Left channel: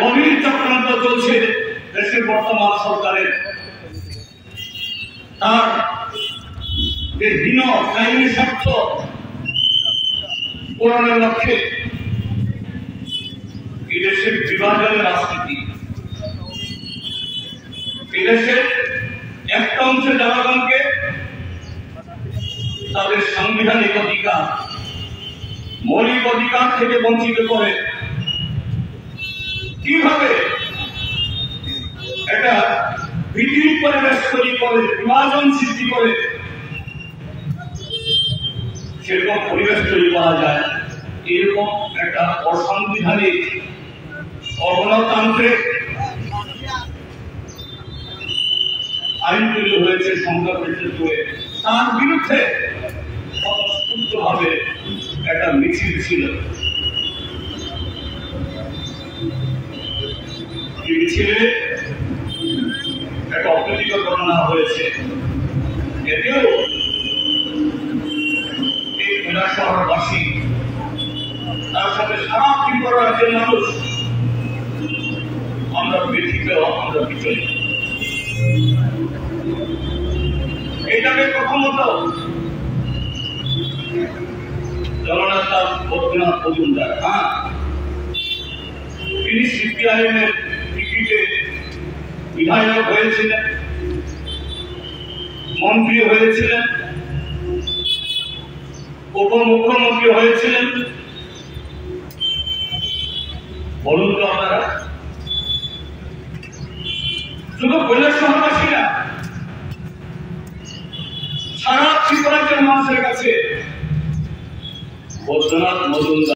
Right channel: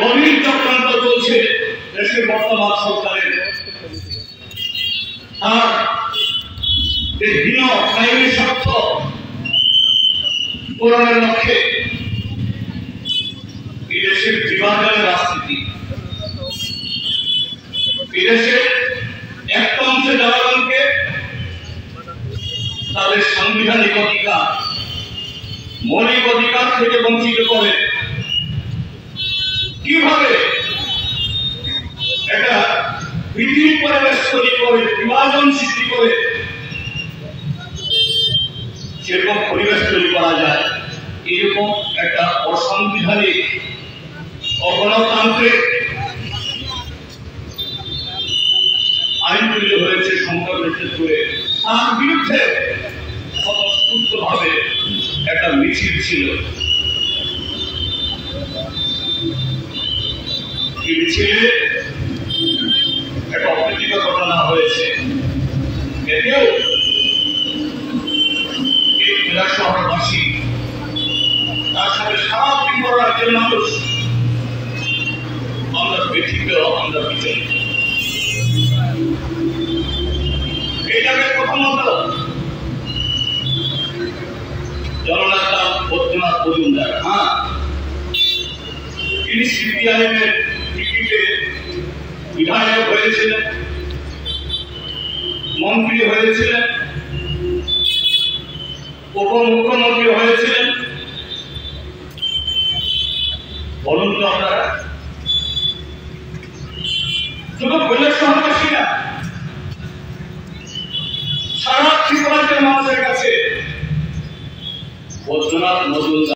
গভীর চক্রান্ত চলছে দেশের বর্তমান সরকারের। তার যে হীন আইনি স্বার্থ পূরণের লক্ষ্যে এই দেশের বিভাজনের রাজনীতি, এই দেশের একটা অংশে জনগণকে তাদের সাংবিধানিক অধিকার, মৌলিক অধিকার থেকে বঞ্চিত করে কিভাবে একটা ভীতির পরিবেশ তৈরি করে, বিভাজন সৃষ্টি করে সেরকম পরিবেশ তৈরি করা যায়, এরকম একটা অসাংবিধানিক অগণতান্ত্রিক আইন তৈরি হয়েছে সংসদের ক্ষেত্রে। তার বিরুদ্ধে স্বতঃস্ফূর্তভাবে একটা মিছিল ছিল। এই মিছিলে একটা অপ্রীতিকর ঘটনা হয়েছে। এতেও এই জেলা শহরবাসী, তার সাথে সারা ত্রিপুরা রাজ্যের মানুষ আমরা ব্যথিত, আমরা বিচলিত। এইটাকে প্রথমত জননেতা বদ্রীনাথ মজুমদার, তিনি সিপিআইএমের টিকিটে বিধায়ক হয়েছিলেন, মন্ত্রী হয়েছিলেন, উপমুখ্যমন্ত্রী হয়েছিলেন। বলুন তো আপনারা, শুধু কৈলাসহরবাসী না, সারা ত্রিপুরা রাজ্যের মানুষের কাছে বদ্রীনাথ মজুমদার